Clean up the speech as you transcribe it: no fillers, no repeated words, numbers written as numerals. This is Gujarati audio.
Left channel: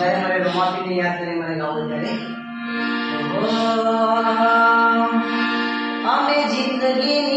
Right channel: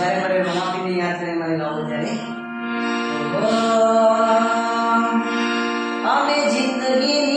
જ્યારે મારે રોમાપીને યાદ કરીને મારે ગાવું ત્યારે અમે જિંદગી